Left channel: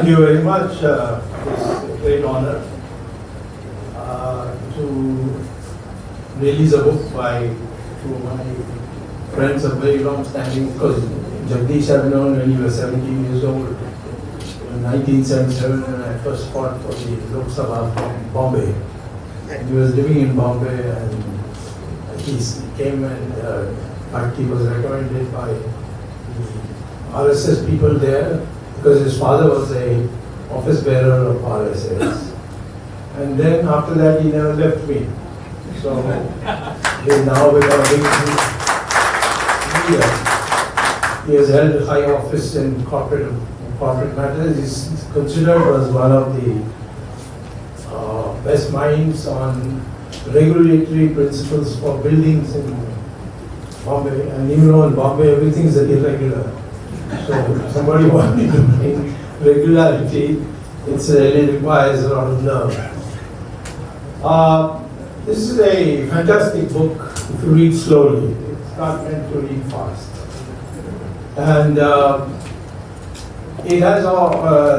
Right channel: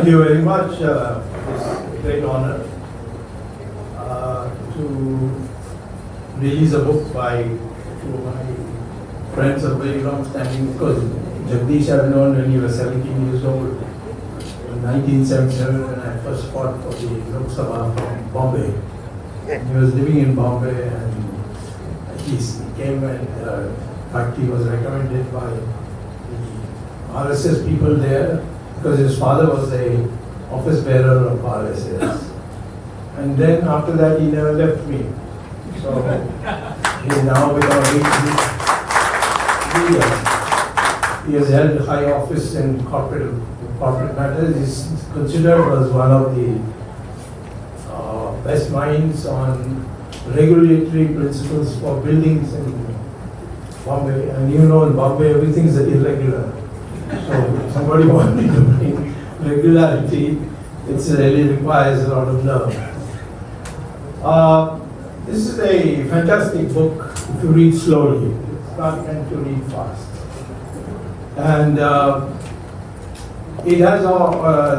Thank you very much. It's a great honor to release a book by two of my friends of very long standing, because Jagdish I've known when he was 17 years old. In 1977, when I first fought for the Lok Sabha in Bombay. He was living in Bombay, and he came and in fact he was recommended by the RSS people there, because his father was a office bearer of RSS. And then after that he never left me. So he is now with our leader. He has held high office in corporate matters. He's considered as one of the best minds on regulatory principles for buildings in Bombay. And even though in Bombay everything is irregular. So if somebody wanting to bring regularity, it really requires a lot of nerve. This is a fantastic book if you read slowly. It's not meant to read fast. And it has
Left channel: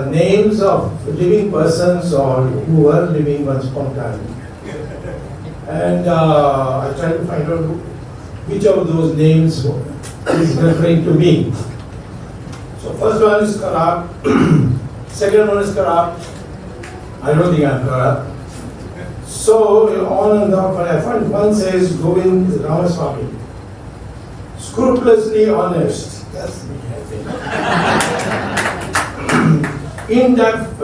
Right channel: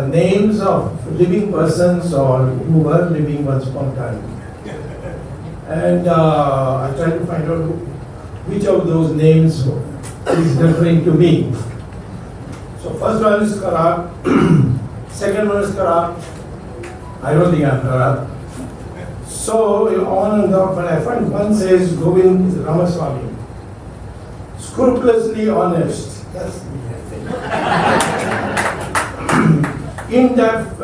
names of living persons or who were living once upon a time. And I tried to find out which of those names is referring to me. So first one is Karak, second one is Karak. I don't think I'm Karak. So on and on, I find one says Govind Ramaswamy, scrupulously honest. That's me, I think. In-depth,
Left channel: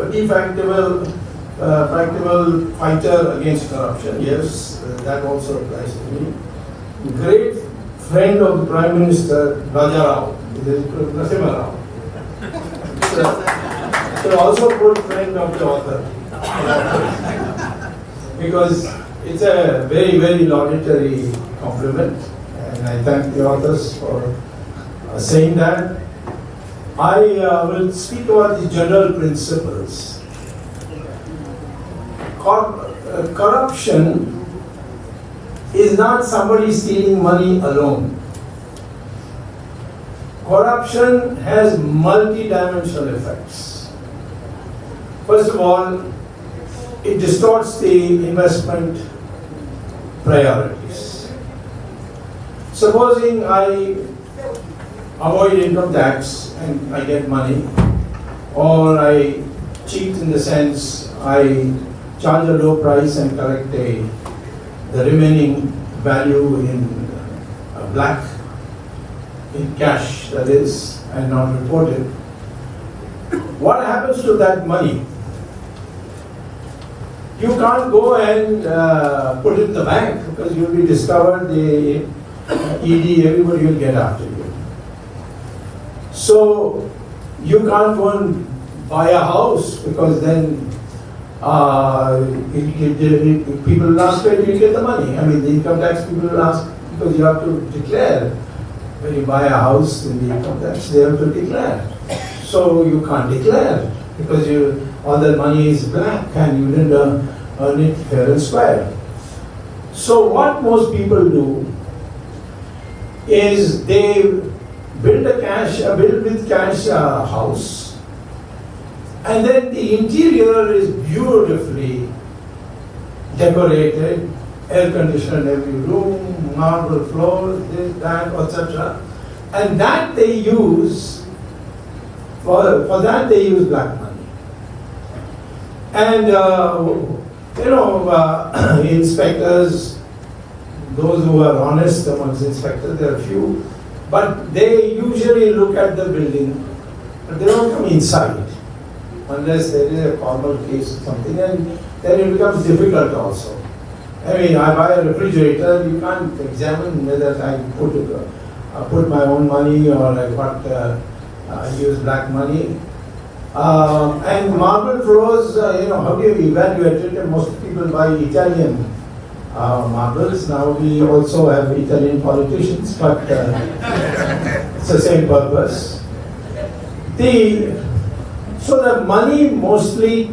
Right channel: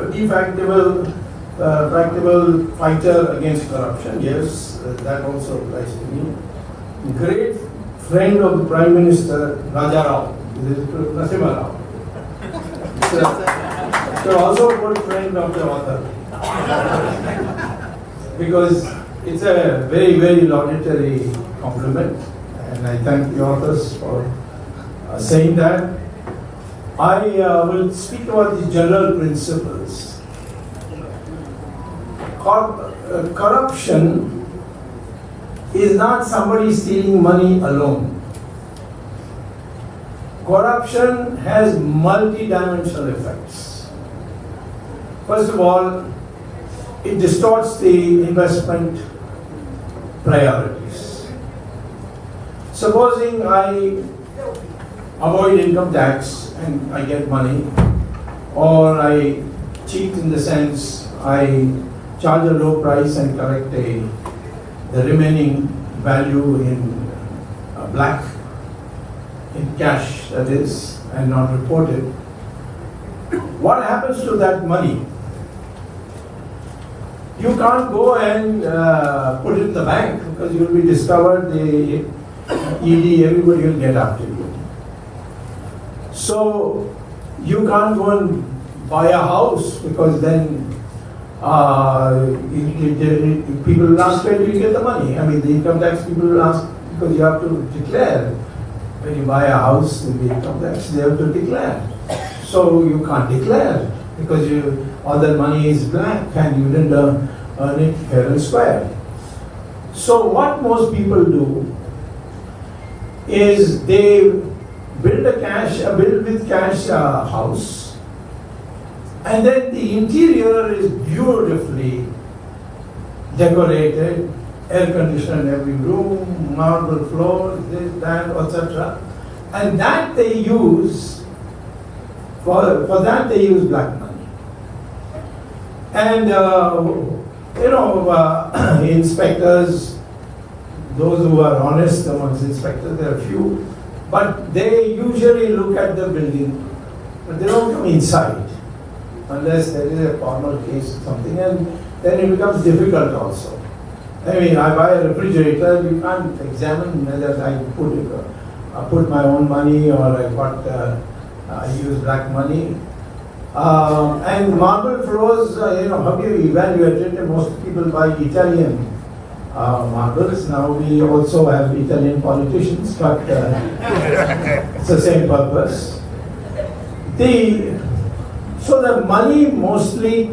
practical fighter against corruption. Yes, that also applies to me. Great friend of the Prime Minister Raja Rao, Narasimha Rao. So also good friend of the author. Because it's a very, very laudatory compliment, and I thank the authors for saying that. I will speak about the general principles. Corruption is not somebody stealing money alone. Corruption has multi-dimensional effects. First of all, it distorts the investment priorities. Supposing I avoid income tax and I get money, or I cheat in the sense I charge a low price and collect the remaining value in black, in cash, that is, and not reported. What happens to that money? You can't go and put it in the bank, because you'll be discovered, the ED, everybody will get after you. So you can't go and buy a house, because then people will ask where do you get the money. I mean, the income tax people will ask, because you have to declare. When you buy a house in the income tax, they have to declare. So you can't declare, because all that money is black and you didn't earn it fair and square. So what most people do is they build with cash a house, and then the interior is beautifully decorated, air conditioned in every room, marble floors, this, that, etc. And that they use, for that they use black money. And inspectors, those who are honest amongst inspectors, there are few, but they usually look at the building, but they don't come inside, unless there is a formal case or something, and then it becomes difficult also. I mean, I buy a refrigerator, you can't examine whether I put my own money or I use black money. And marble floors, how do you evaluate it? And most people buy Italian marbles. Now we also have Italian politicians, but it's the same purpose. So the money mostly,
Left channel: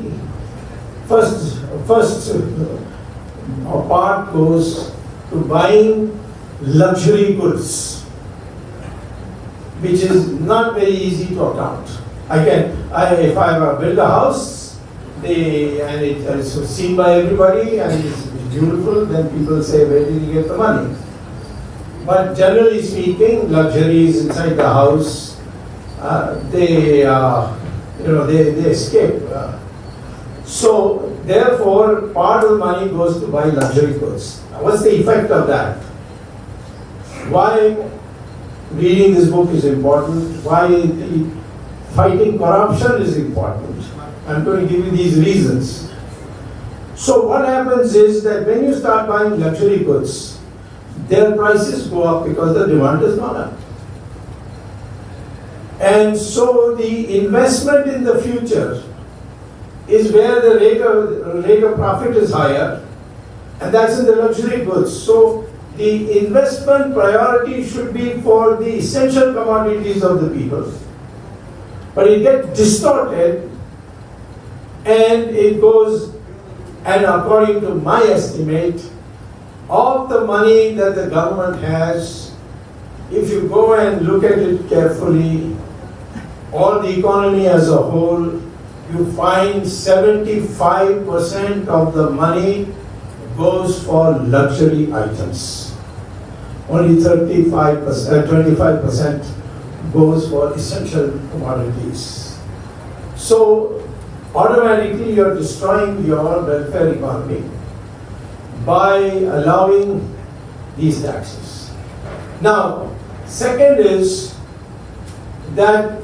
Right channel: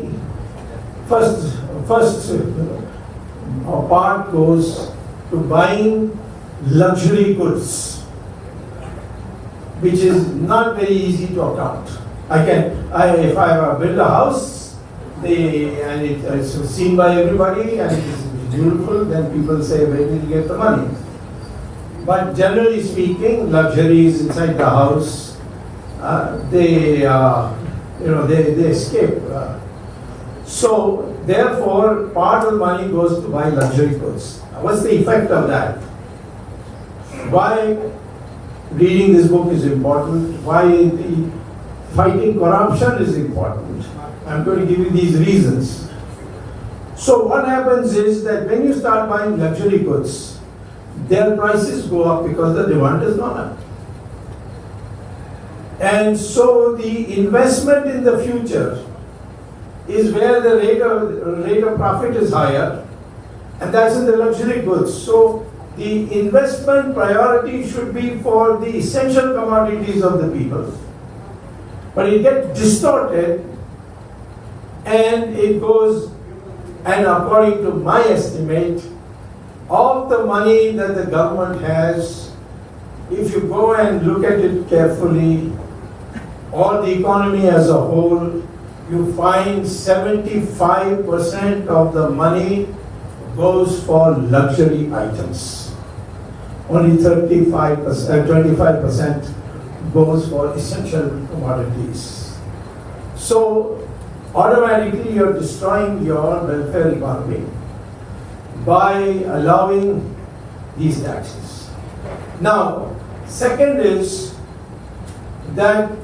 first part goes to buying luxury goods, which is not very easy to account. Again, if I build a house, and it's seen by everybody and it's beautiful, then people say, where did you get the money? But generally speaking, luxuries inside the house, they escape. So therefore, part of the money goes to buy luxury goods. What's the effect of that? Why reading this book is important? Why fighting corruption is important? I'm going to give you these reasons. So what happens is that when you start buying luxury goods, their prices go up because the demand is gone up. And so the investment in the future is where the rate of profit is higher, and that's in the luxury goods. So the investment priority should be for the essential commodities of the people. But it gets distorted, and it goes, and according to my estimate, of the money that the government has, if you go and look at it carefully, all the economy as a whole, you find 75% of the money goes for luxury items. Only 25% goes for essential commodities. So automatically you're destroying your welfare economy by allowing these taxes. Now, second is that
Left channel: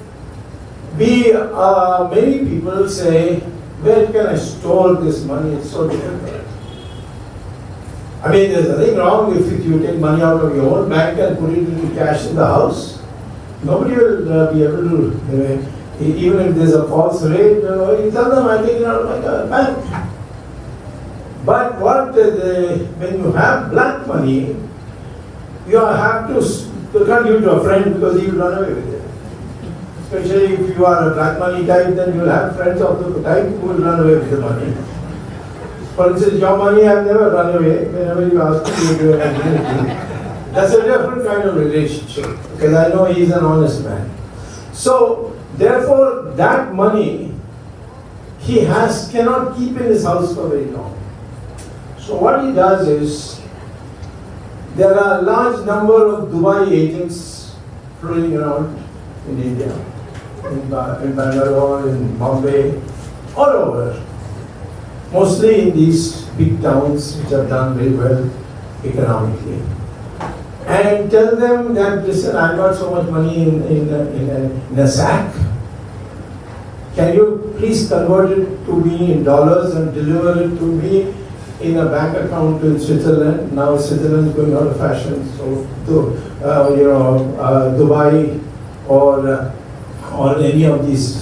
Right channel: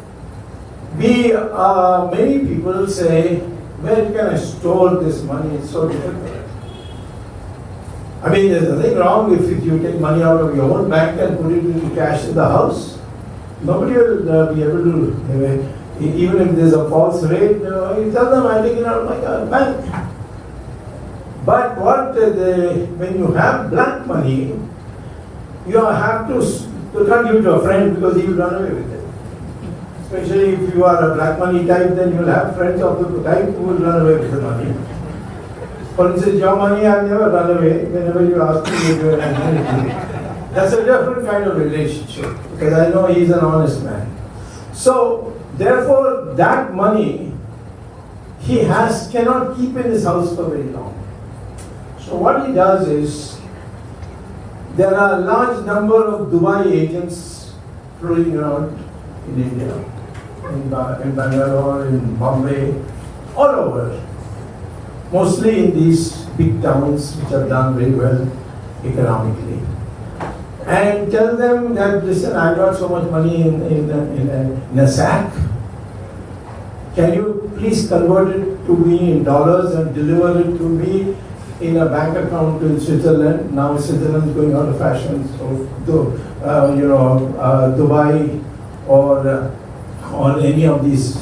many people say, where can I store this money? It's so difficult. I mean, there's nothing wrong if you take money out of your own bank and put it into cash in the house. Nobody will be able to, even if there's a false rate, you tell them, I'm taking it out of my bank. But when you have black money, you have to can't give it to a friend because he will run away with it. Especially if you are a black money type, then you will have friends of the type who will run away with the money. For instance, your money, I have never run away. Whenever you ask me to do it, that's a different kind of relationship, because I know he's an honest man. So, therefore, that money he cannot keep in his house for very long. So what he does is, there are a large number of Dubai agents floating around in India, in Bangalore, in Bombay, all over. Mostly in these big towns which have done very well economically. And tell them that, listen, I got so much money in a sack. Can you please convert it to me in dollars and deliver it to me in a bank account in Switzerland? Now Switzerland is going out of fashion, so Dubai or any of these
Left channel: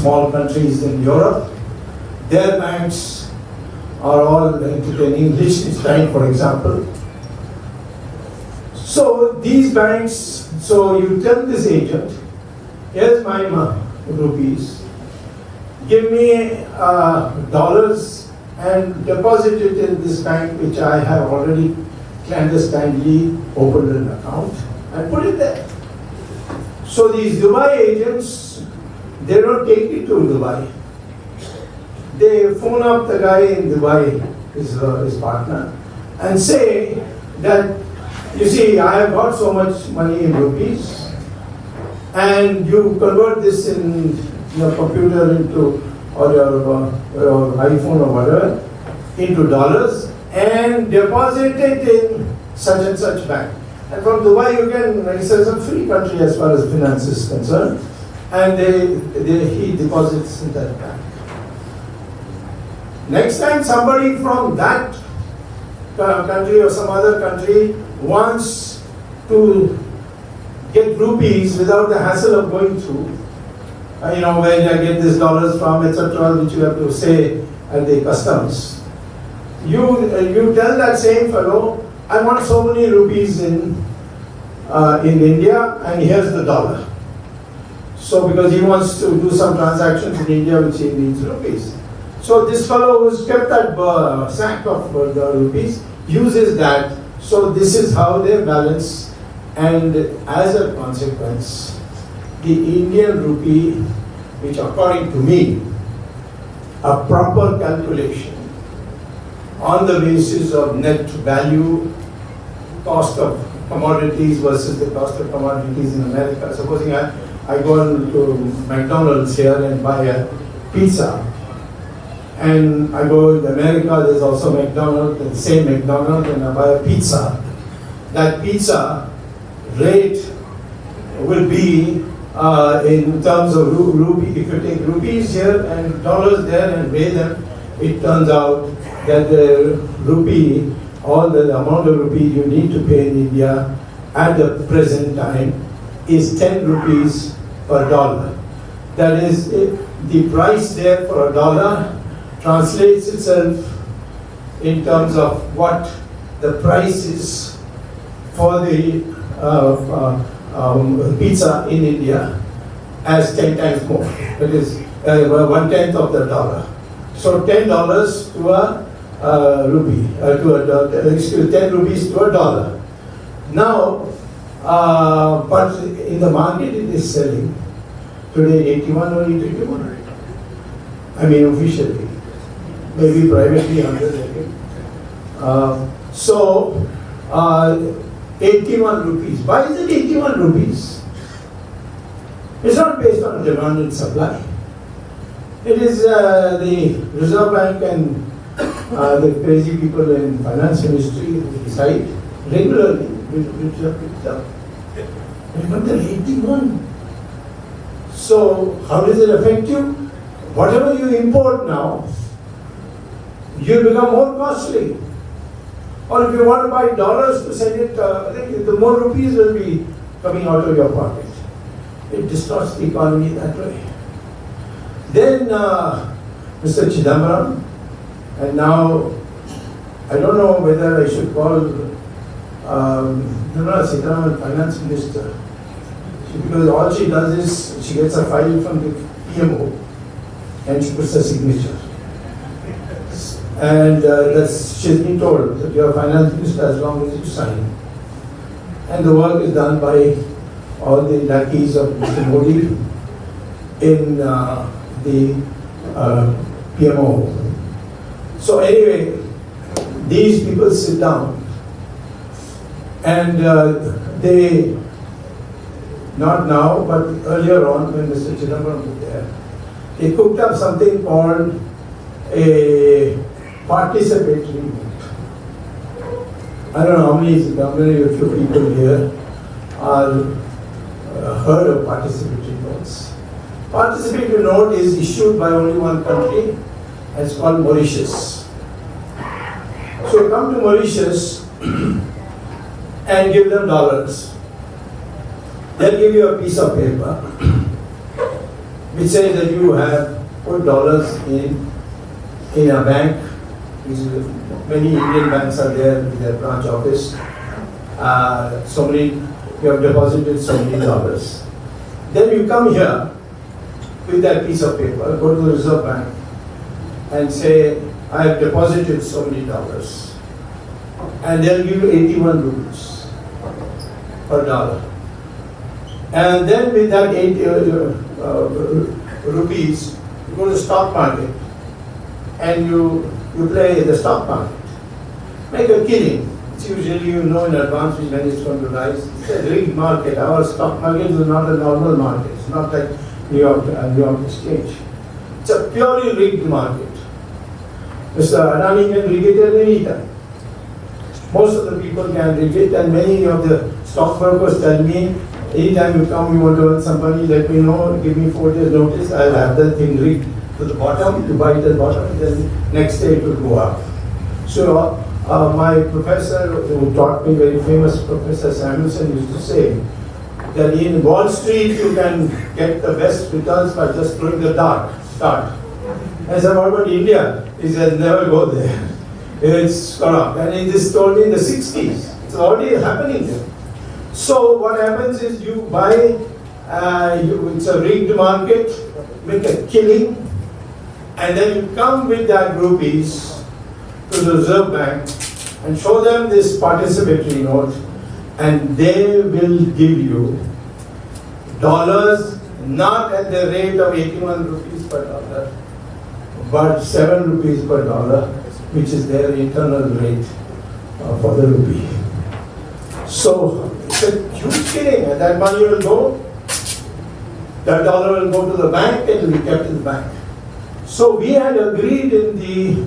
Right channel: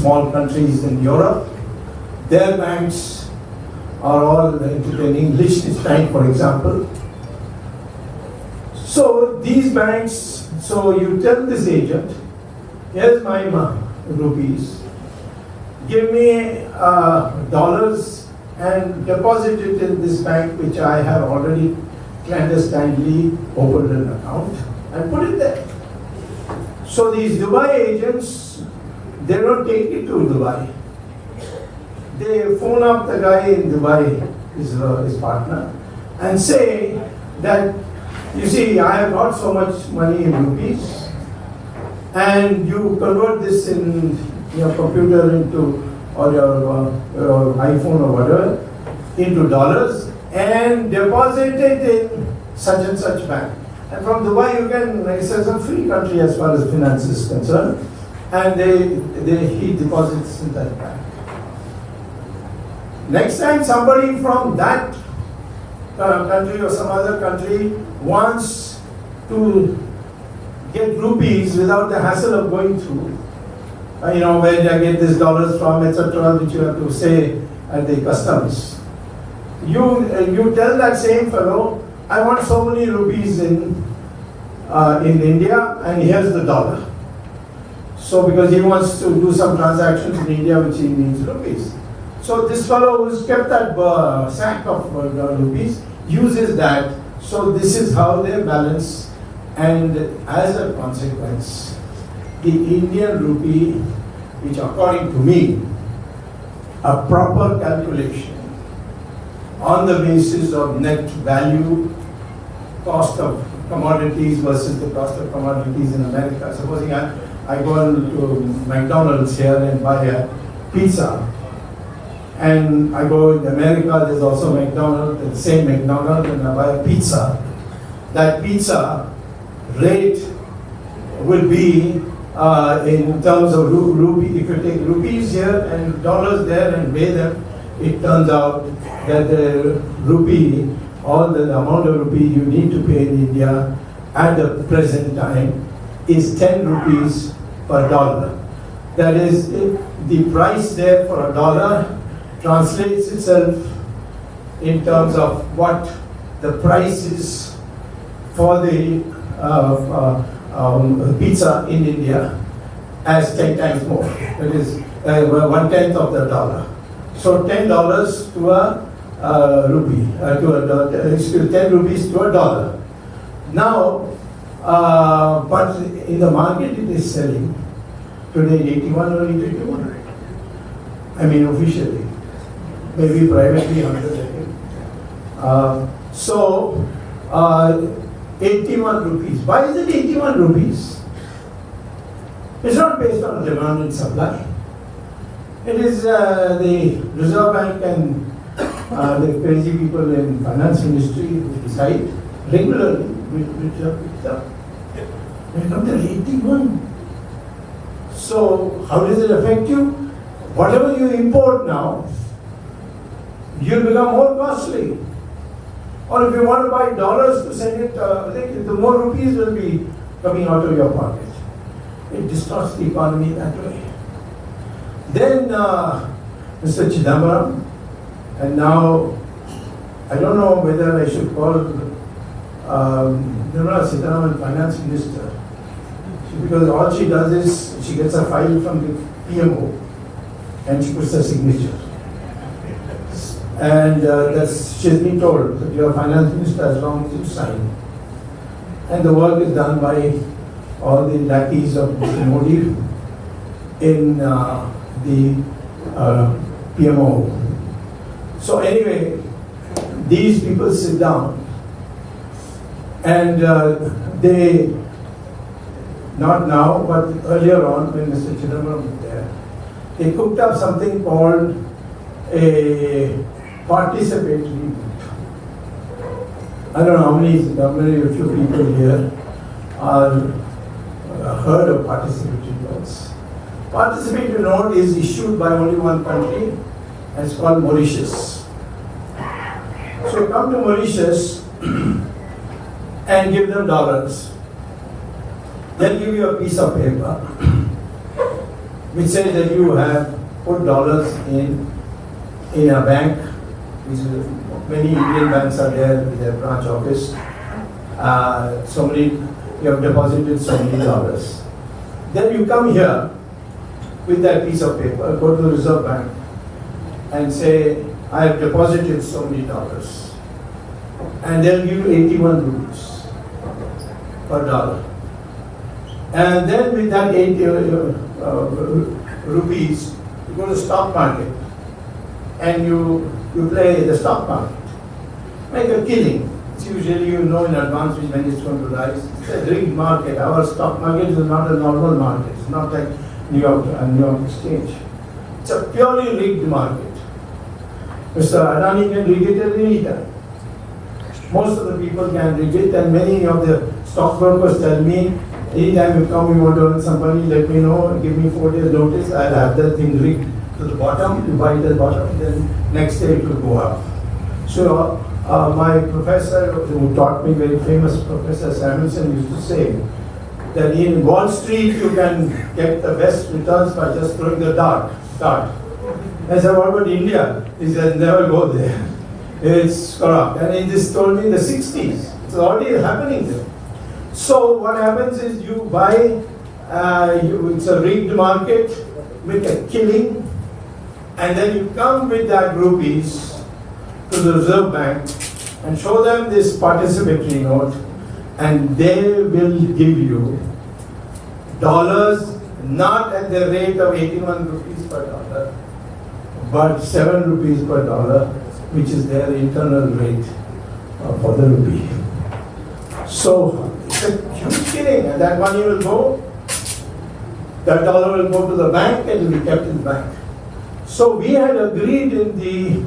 small countries in Europe, their banks are all in English, for example. So these banks, so you tell this agent, here's my rupees, give me dollars and deposit it in this bank which I have already clandestinely opened an account and put it there. So these Dubai agents, they don't take it to Dubai. They phone up the guy in Dubai, his partner, and say that, you see, I have got so much money in rupees, and you convert this in your computer into, or your iPhone or whatever, into dollars, and deposit it in such and such bank. And from Dubai you can, it's a free country as far as finance is concerned, and he deposits in that bank. Next time somebody from that country or some other country wants to get rupees without the hassle of going through, where I get this dollars from, etc., which you have to say at the customs. You tell that same fellow, I want so many rupees in India, and here's the dollar. So because he wants to do some transactions in India, which he needs rupees. So this fellow who's kept that sack of rupees uses that. So this is how they balance, and as a consequence, the Indian rupee, which according to me, a proper calculation on the basis of net value, cost of commodities versus the cost of commodities in America. Supposing I go to McDonald's here and buy a pizza, and I go in America, there's also McDonald's, the same McDonald's, and I buy a pizza. That pizza rate will be in terms of rupee. If you take rupees here and dollars there and weigh them, it turns out that the rupee, all the amount of rupee you need to pay in India at the present time is 10 rupees per dollar. That is, the price there for a dollar translates itself in terms of what the price is for the pizza in India as 10 times more. It is 1/10 of the dollar. So $10 to a rupee, to 10 rupees to a dollar. Now, but in the market it is selling today 81 or 81. I mean officially, maybe privately 100. So 81 rupees. Why is it 81 rupees? It's not based on demand and supply. It is the Reserve Bank and the crazy people in finance ministry who decide regularly which are picked up. When it comes to 81. So how does it affect you? Whatever you import now, you'll become more costly. Or if you want to buy dollars to send it, the more rupees will be coming out of your pocket. It distorts the economy that way. Then Mr. Chidambaram, and now I don't know whether I should call Nirmala Sitharaman Finance Minister, because all she does is she gets a file from the PMO and she puts a signature. And she's been told that you're a finance minister as long as you sign. And the work is done by all the lackeys of Mr. Modi in the PMO. So anyway, these people sit down and they, not now, but earlier on when Mr. Chidambaram was there, they cooked up something called a participatory vote. I don't know how many of you people here are heard of participatory votes. Participatory note is issued by only one country, and it's called Mauritius. So you come to Mauritius and give them dollars. They'll give you a piece of paper which says that you have put dollars in a bank. Many Indian banks are there with their branch office. You have deposited so many dollars. Then you come here with that piece of paper, go to the Reserve Bank and say, I have deposited so many dollars. And they'll give you 81 rupees per dollar. And then with that 80 rupees, you go to the stock market and you play the stock market. Make a killing. It's usually you know in advance which when it's going to rise. It's a rigged market. Our stock market is not a normal market. It's not like New York Exchange. It's a purely rigged market. Mr. Adani can rig it at any time. Most of the people can rig it, and many of the stockbrokers tell me, anytime you come, you want to earn some money, let me know, give me 4 days notice, I'll have that thing rigged to the bottom, you buy it at the bottom, then next day it will go up. So my professor who taught me, very famous Professor Samuelson, used to say that in Wall Street you can get the best returns by just throwing the dart. I said, what about India? He said, never go there. It's corrupt. And he just told me in the 60s. It's already happening there. So what happens is you buy, it's a rigged market, make a killing, and then you come with that rupees to the Reserve Bank and show them this participatory note, and they will give you dollars, not at the rate of 81 rupees per dollar, but 7 rupees per dollar, which is their internal rate for the rupee. So it's a huge killing, and that money will go, that dollar will go to the bank and will be kept in the bank. So we had agreed in the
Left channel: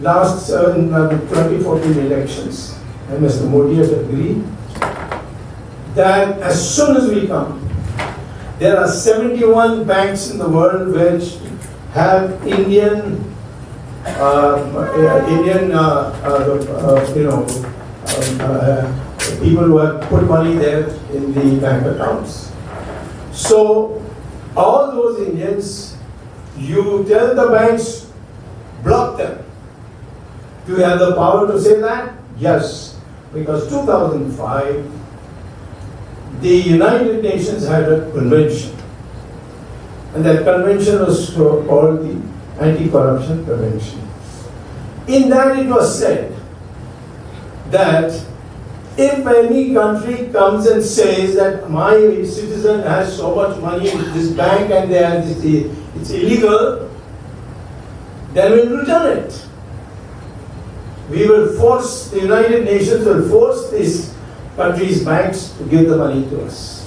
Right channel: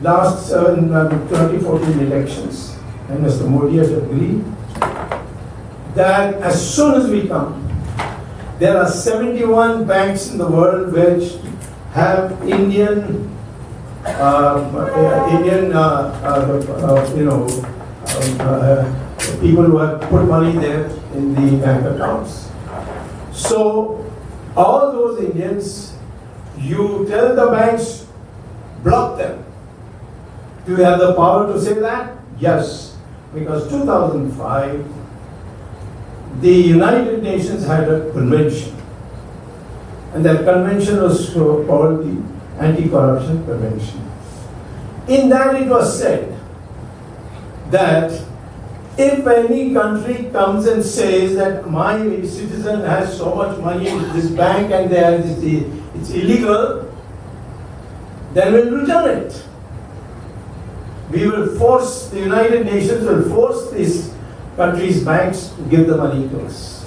last 2014 elections, and Mr. Modi had agreed that as soon as we come, there are 71 banks in the world which have Indian people who have put money there in the bank accounts. So all those Indians, you tell the banks, block them. Do you have the power to say that? Yes, because 2005, the United Nations had a convention, and that convention was called the Anti-Corruption Convention. In that it was said that if any country comes and says that my citizen has so much money in this bank and it's illegal, then we'll return it. We will force, the United Nations will force these countries' banks to give the money to us.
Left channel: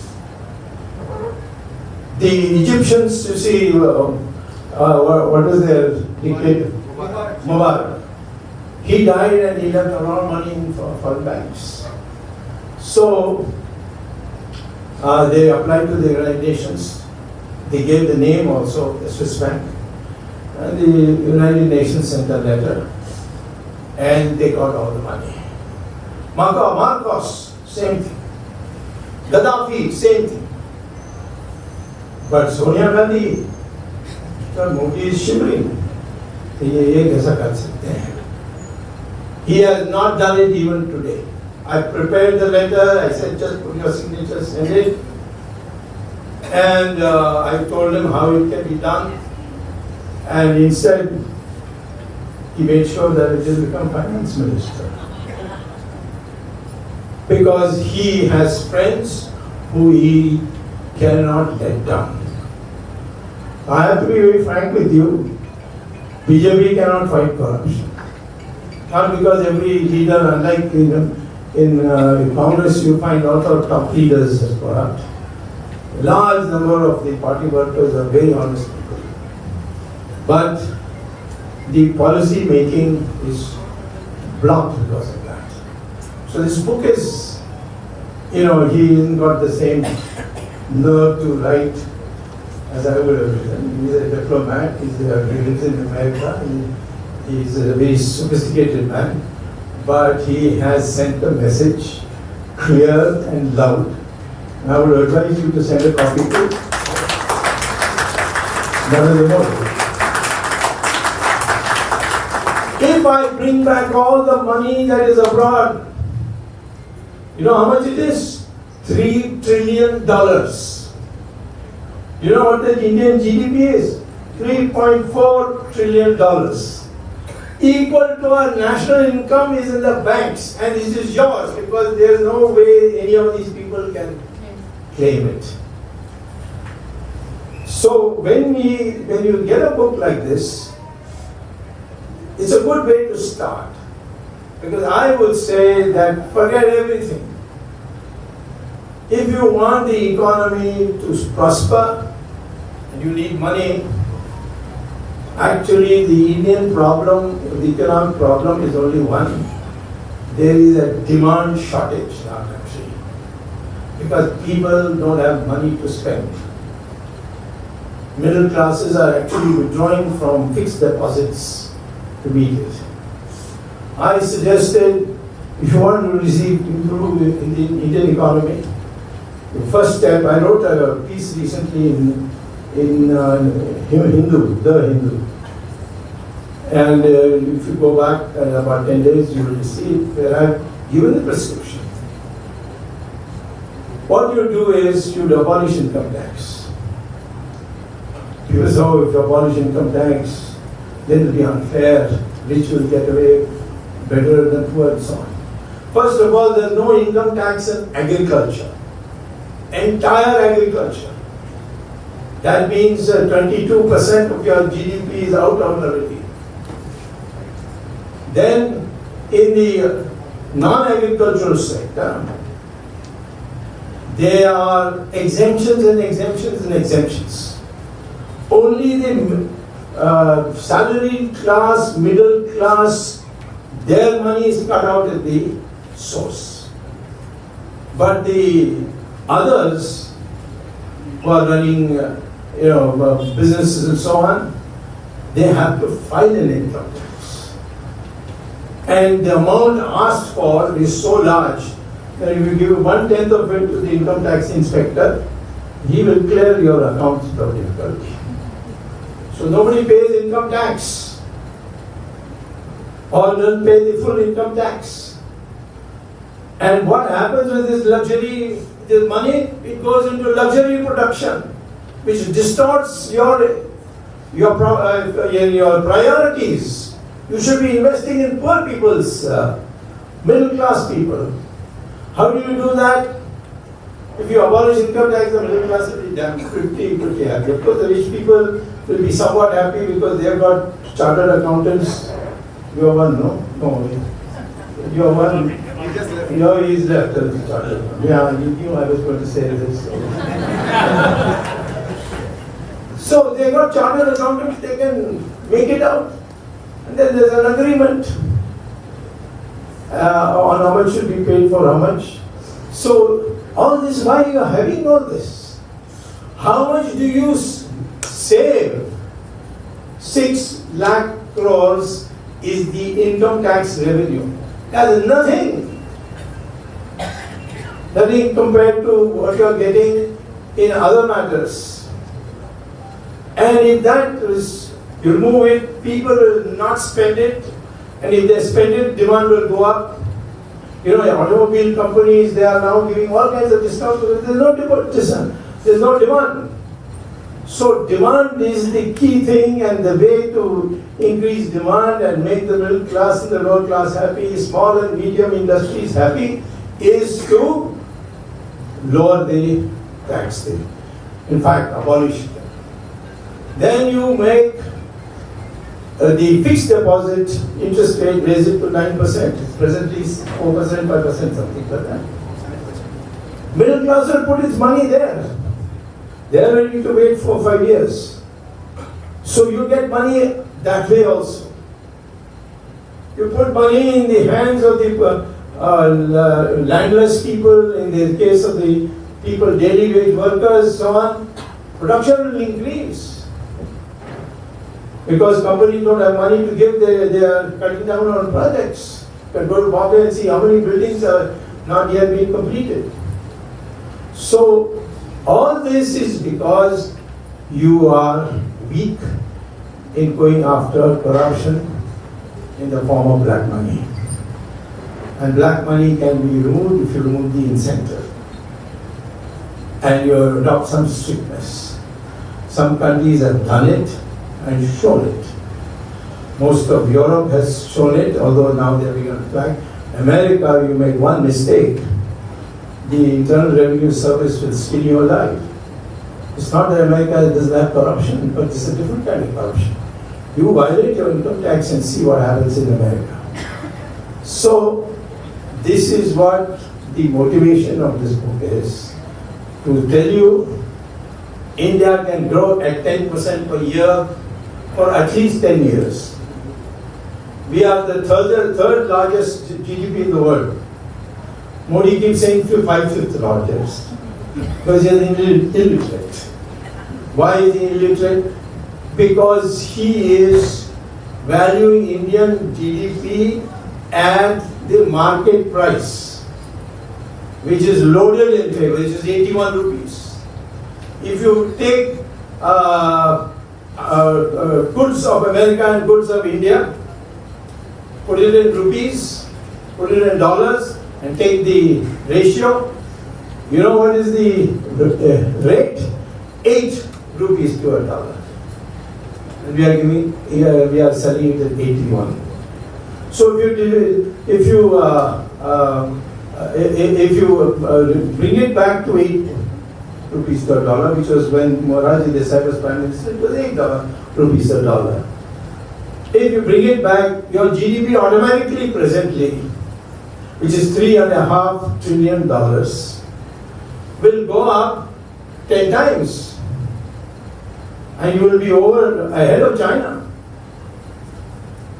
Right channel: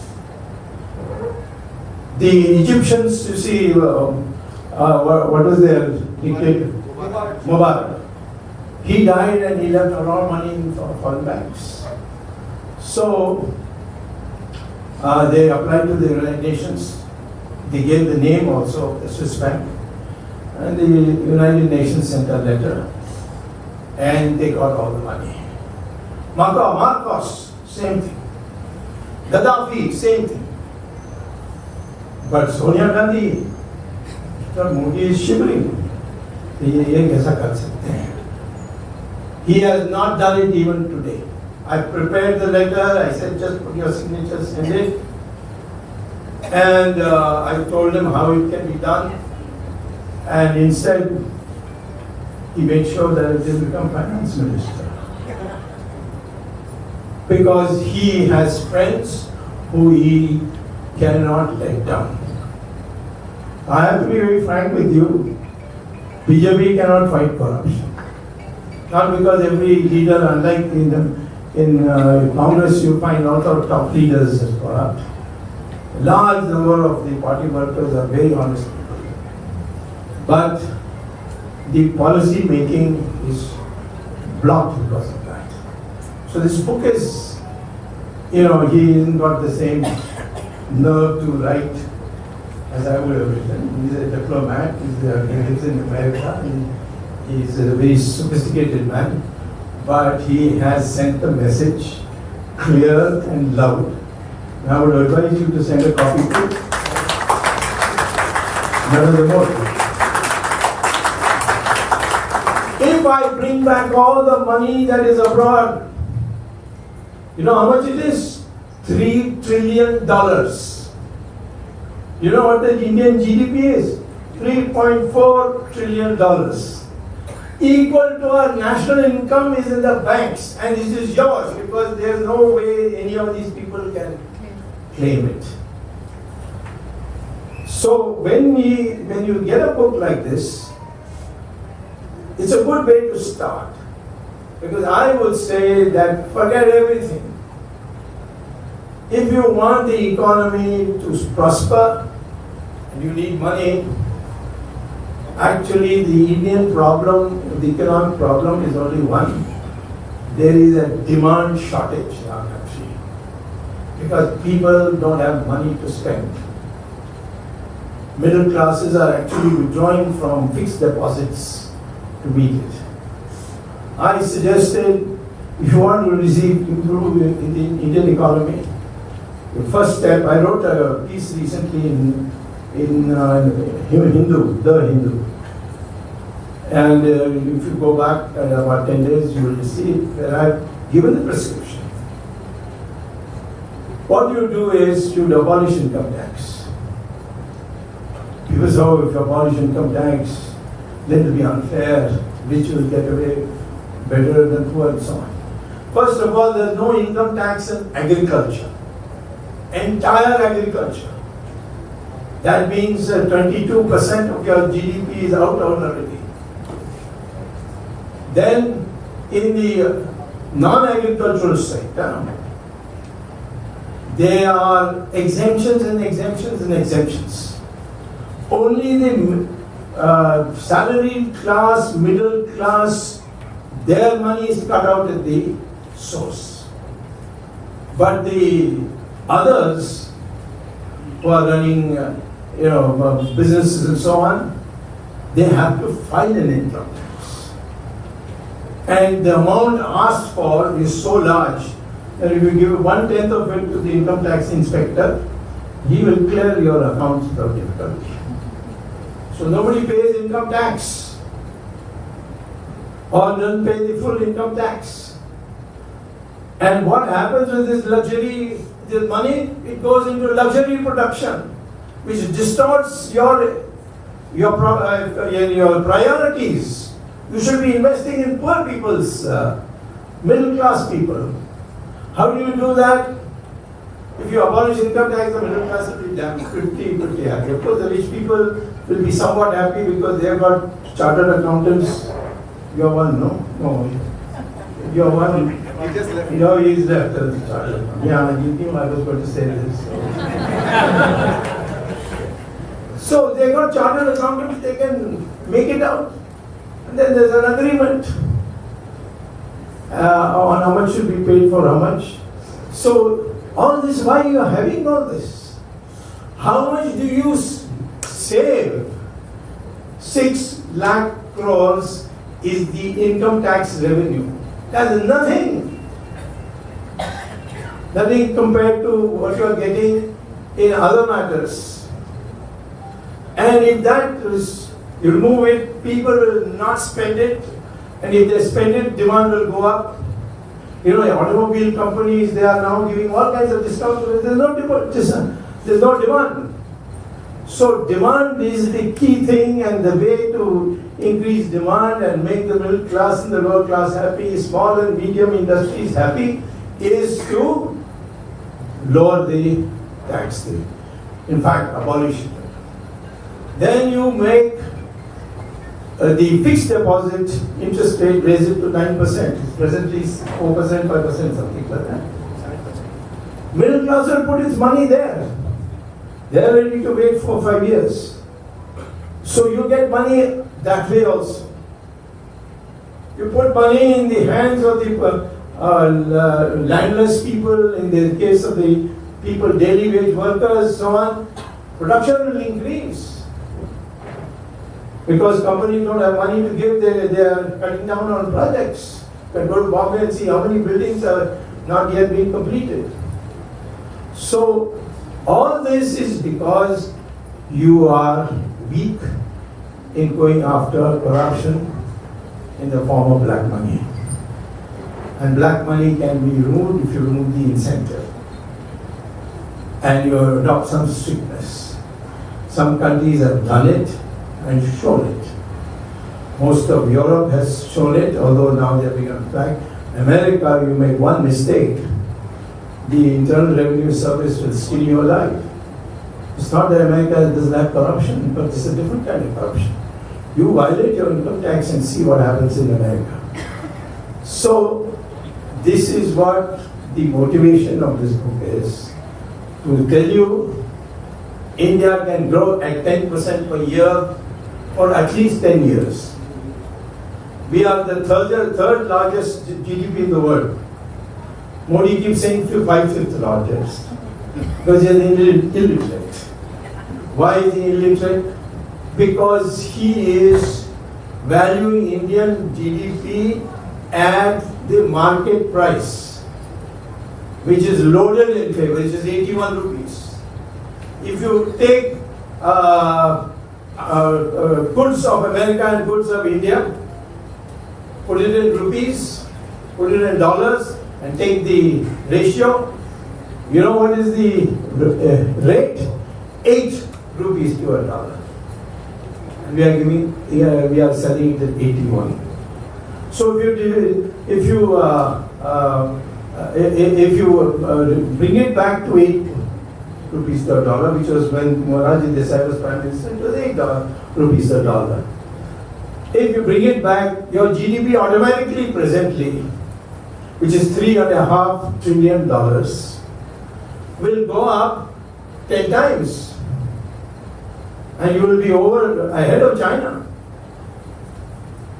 The Egyptians, you see, what was their dictator? Mubarak. He died and he left a lot of money in foreign banks. So they applied to the United Nations. They gave the name also, the Swiss bank. And the United Nations sent a letter. And they got all the money. Marcos, same thing. Gaddafi, same thing. But Sonia Gandhi, Modi is shivering. He has not done it even today. I prepared the letter, I said just put your signature, send it. And I told him how it can be done. And instead, he made sure that it will become finance minister. Because he has friends who he cannot let down. I have to be very frank with you. BJP cannot fight corruption. Not because every leader, unlike in Congress, you find a lot of top leaders as corrupt. A large number of the party workers are very honest people. But the policy making is blocked because of that. So this book is, he hasn't got the same nerve to write as I would have written. He's a diplomat, he lives in America, he's a very sophisticated man, but he has sent the message clear and loud. And I would advise you to send a copy to Govt. If I bring back all the money that is abroad, you know how much it is? $3 trillion. You know what the Indian GDP is? $3.4 trillion. Equal to our national income is in the banks, and this is yours because there is no way any of these people can claim it. So when you get a book like this, it's a good way to start. Because I would say that forget everything. If you want the economy to prosper, and you need money, actually the Indian problem, the economic problem is only one. There is a demand shortage in our country. Because people don't have money to spend. Middle classes are actually withdrawing from fixed deposits to meet it. I suggested, if you want to improve in the Indian economy, the first step, I wrote a piece recently in Hindu, The Hindu. And if you go back about 10 days, you will see it, where I've given the prescription. What you do is you abolish income tax. People say, if you abolish income tax, then it will be unfair, rich will get away better than poor and so on. First of all, there is no income tax in agriculture. Entire agriculture. That means 22% of your GDP is out already. Then in the non-agricultural sector, there are exemptions and exemptions and exemptions. Only the salaried class, middle class, their money is cut out at the source. But the others who are running businesses and so on, they have to file an income tax. And the amount asked for is so large that if you give 1/10 of it to the income tax inspector, he will clear your accounts without difficulty. So nobody pays income tax or doesn't pay the full income tax. And what happens with this luxury, this money? It goes into luxury production, which distorts your priorities. You should be investing in poor people's, middle class people. How do you do that? If you abolish income tax, the middle class will be damn pretty happy. Of course, the rich people will be somewhat happy because they have got chartered accountants. You are one, no? No. You are one. He just left. No, he's left. Yeah, I was going to say this. So they got chartered accountants, they can make it out. And then there's an agreement on how much should be paid for how much. So all this, why you are having all this? How much do you save? 6 lakh crores is the income tax revenue. That is nothing. Nothing compared to what you are getting in other matters. And if that is, you remove it, people will not spend it, and if they spend it, demand will go up. Automobile companies, they are now giving all kinds of discounts because there's no demand. So demand is the key thing, and the way to increase demand and make the middle class and the lower class happy, small and medium industries happy, is to lower the tax rate. In fact, abolish it. Then you make the fixed deposit interest rate, raise it to 9%. It's presently 4%, 5%, something like that. Middle class will put its money there. They are ready to wait for 5 years. So you get money that way also. You put money in the hands of the landless people, in the case of the people, daily wage workers, so on. Production will increase. Because companies don't have money to give, they are cutting down on projects. You can go to Bombay and see how many buildings are not yet being completed. So, all this is because you are weak in going after corruption in the form of black money. And black money can be removed if you remove the incentive. And you adopt some strictness. Some countries have done it and shown it. Most of Europe has shown it, although now they are being back. America, you made one mistake. The Internal Revenue Service will skin you alive. It's not that America doesn't have corruption, but it's a different kind of corruption. You violate your income tax and see what happens in America. So, this is what the motivation of this book is. To tell you, India can grow at 10% per year for at least 10 years. We are the third largest GDP in the world. Modi keeps saying 5th largest because he is illiterate. Why is he illiterate? Because he is valuing Indian GDP at the market price, which is loaded in favor, which is 81 rupees. If you take goods of America and goods of India, put it in rupees, put it in dollars, and take the ratio, you know what is the rate? 8 rupees to a dollar. And we are selling it at 81. So if you bring it back to rupees per dollar, which was when Morarji Desai was Prime Minister, it was $8 rupees per dollar. If you bring it back, your GDP automatically presently, which is $3.5 trillion, will go up 10 times. And you will be ahead of China.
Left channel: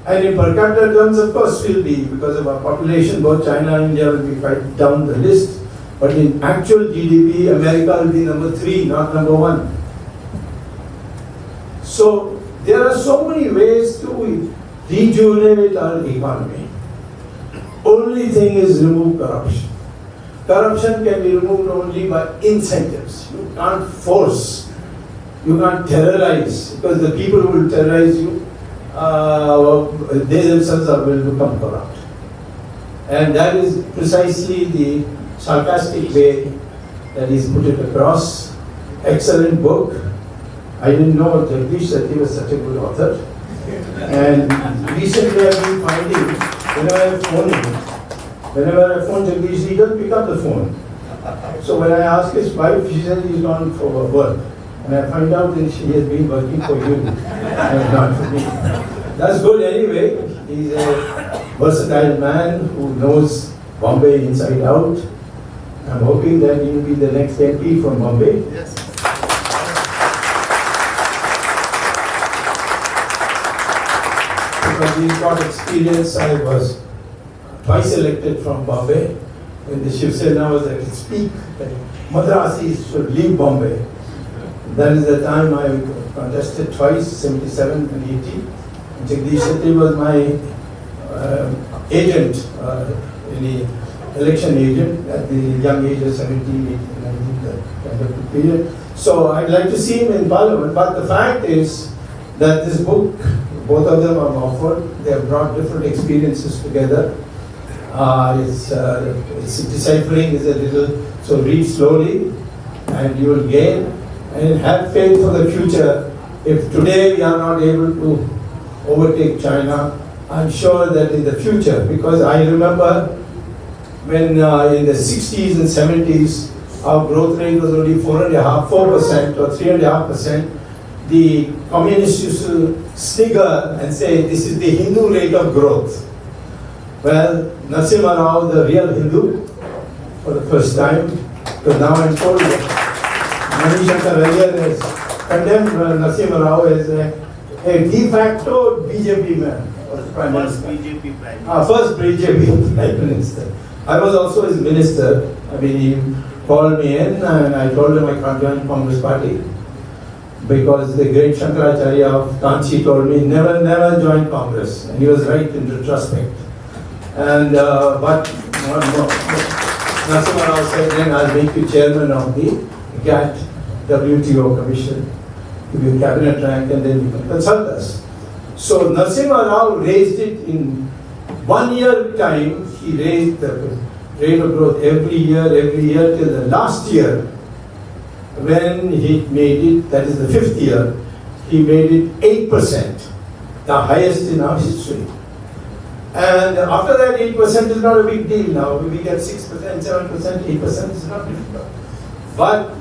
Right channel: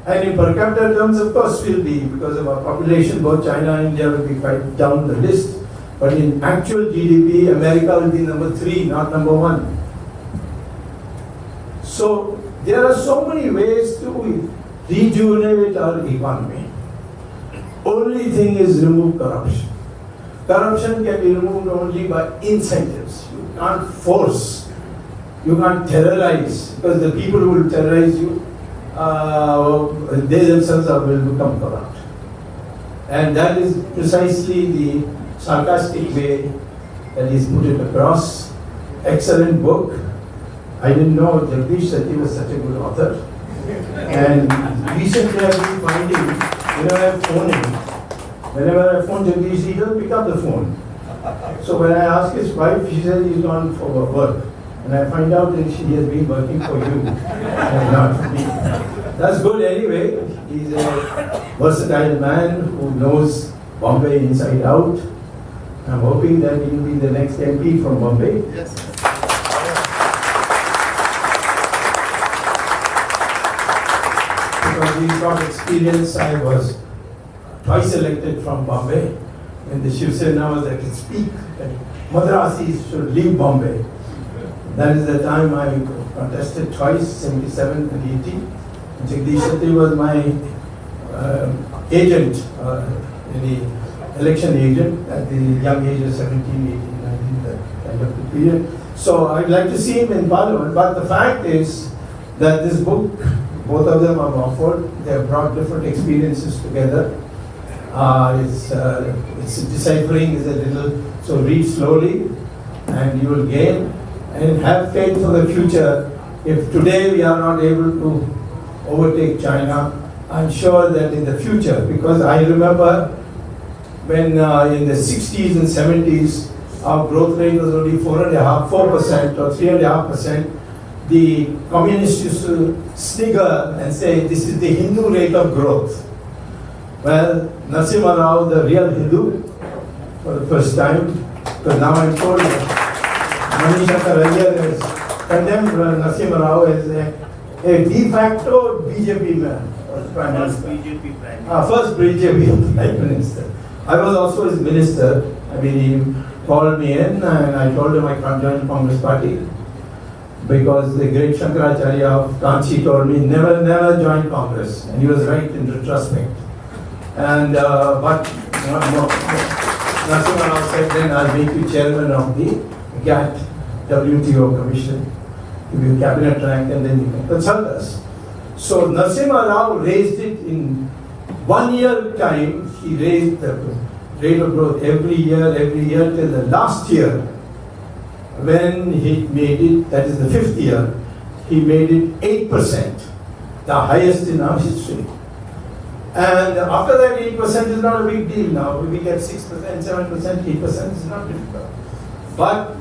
And in per capita terms, of course, will be, because of our population, both China and India will be quite down the list. But in actual GDP, America will be number 3, not number 1. So there are so many ways to rejuvenate our economy. Only thing is remove corruption. Corruption can be removed only by incentives. You can't force. You can't terrorize, because the people who will terrorize you, they themselves will become corrupt. And that is precisely the sarcastic way that he's put it across. Excellent book. I didn't know Jagdish that he was such a good author. And recently I've been finding, whenever I phone Jagdish, he doesn't pick up the phone. So when I ask his wife, she says he's gone for work. And I find out that she has been working for you and not for me. That's good anyway. He's a versatile man who knows Bombay inside out. I'm hoping that he will be the next MP from Bombay. Yes. Because he's got experience. I was twice elected from Bombay. When the Shiv Sena was, I can speak that Madrasis should leave Bombay. That is the time I contested twice, 77 and 80. Jagdish Shetty was my agent, the election agent at the young age of 17, 18, 19, that kind of period. So I'd like to see him in Parliament, but the fact is that this book, both of them are offered. They have brought different experiences together. It's deciphering is a little, so read slowly and you will gain. And have faith for the future. If today we are not able to overtake China, I'm sure that in the future, because I remember when in the 60s and 70s, our growth rate was only 4% or 3.5%, the communists used to snigger and say, this is the Hindu rate of growth. Well, Narasimha Rao, the real Hindu, for the first time, because now I'm told that Manishankar earlier has condemned Narasimha Rao as a de facto BJP man. First BJP Prime Minister. First BJP Prime Minister. I was also his minister. I mean, he called me in and I told him I can't join Congress party because the great Shankaracharya of Kanchi told me never join Congress. And he was right in retrospect. And but Narasimha Rao said, then I'll make you chairman of the GATT WTO Commission, give you cabinet rank, and then you can consult us. So Narasimha Rao raised it in 1 year time. He raised the rate of growth every year till the last year, when he made it, that is the 5th year, he made it 8%, the highest in our history. And after that, 8% is not a big deal now. We get 6%, 7%, 8% is not difficult. But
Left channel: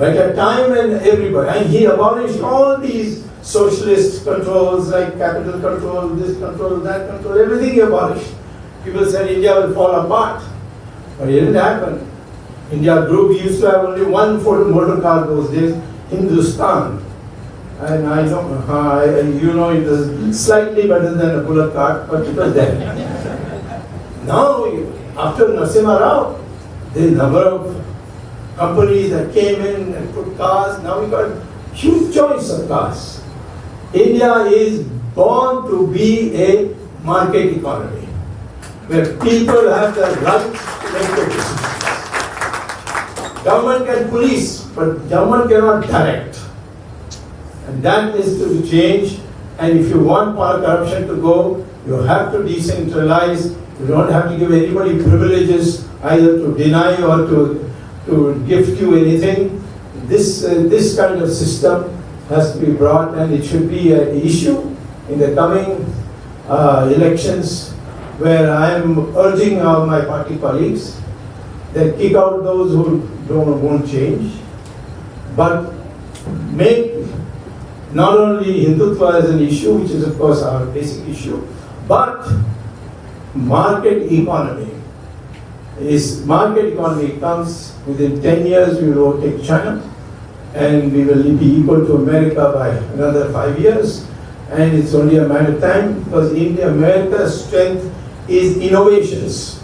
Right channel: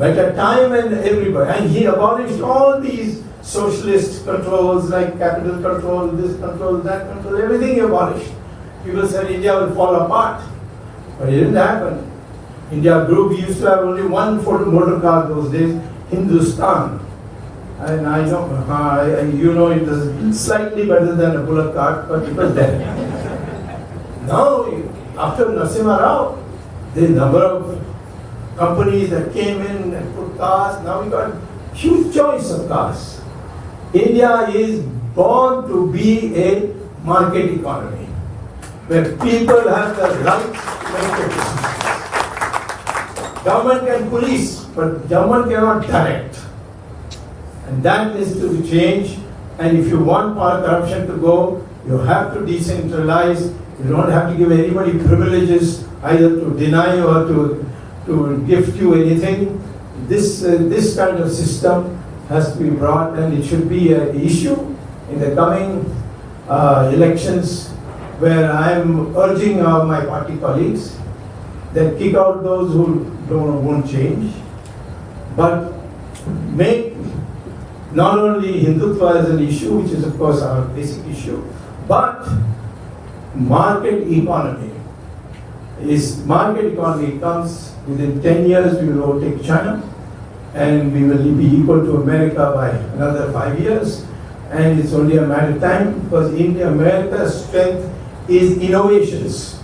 at a time when everybody, and he abolished all these socialist controls like capital control, this control, that control, everything he abolished. People said India will fall apart. But it didn't happen. India grew. We used to have only one motor car those days, Hindustan. And I know, it was slightly better than a bullock cart, but it was there. Now, after Narasimha Rao, the number of companies that came in and put cars, now we got huge choice of cars. India is born to be a market economy, where people have the right to make decisions. Government can police, but government cannot direct. And that is to change. And if you want corruption to go, you have to decentralize. You don't have to give anybody privileges either to deny or to gift you anything. This kind of system has to be brought, and it should be an issue in the coming elections, where I am urging my party colleagues that kick out those who won't change, but make not only Hindutva as an issue, which is of course our basic issue, but market economy. Market economy comes within 10 years, we will overtake China, and we will be equal to America by another 5 years, and it's only a matter of time because America's strength is innovations.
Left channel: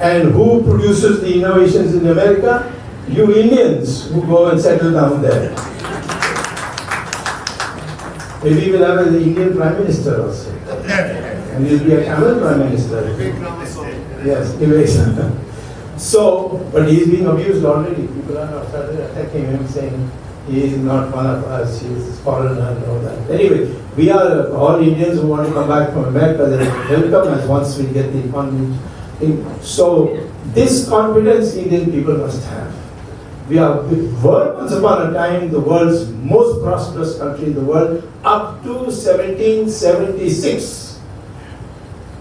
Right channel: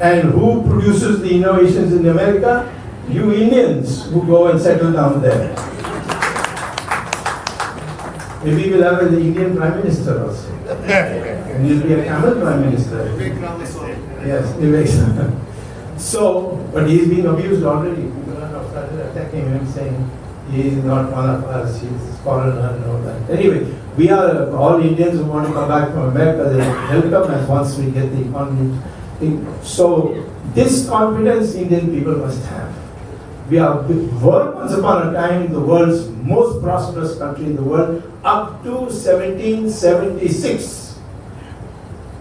And who produces the innovations in America? You Indians who go and settle down there. Maybe we'll have the Indian Prime Minister also. And he'll be a Tamil Prime Minister. Yes, Vivek. So, but he's being abused already. People are not started attacking him, saying he is not one of us, he is a foreigner and all that. Anyway, we are all Indians who want to come back from America, they will welcome us once we get the economy. So, this confidence Indian people must have. We are, once upon a time, the world's most prosperous country in the world, up to 1776,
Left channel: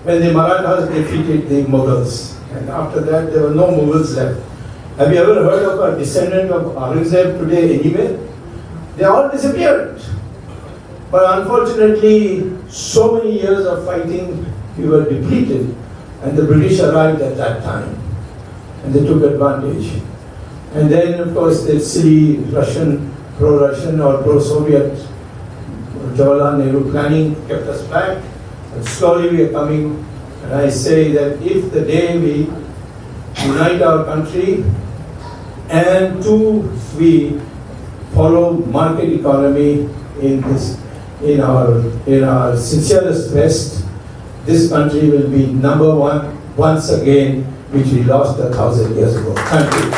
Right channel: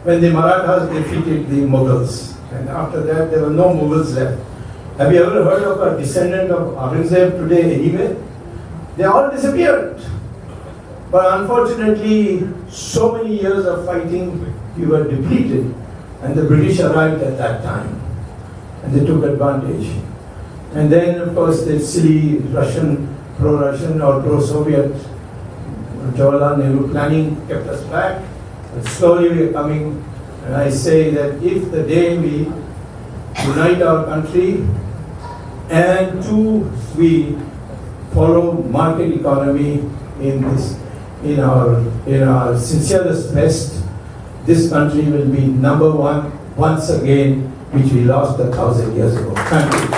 when the Marathas defeated the Mughals. And after that, there were no Mughals left. Have you ever heard of a descendant of Aurangzeb today anywhere? They all disappeared. But unfortunately, so many years of fighting, we were depleted. And the British arrived at that time. And they took advantage. And then, of course, the silly Russian, pro-Russian or pro-Soviet Jawaharlal Nehru planning kept us back. And slowly we are coming. And I say that if the day we unite our country and we follow market economy in our sincerest best, this country will be number one once again, which we lost 1,000 years ago. Thank you.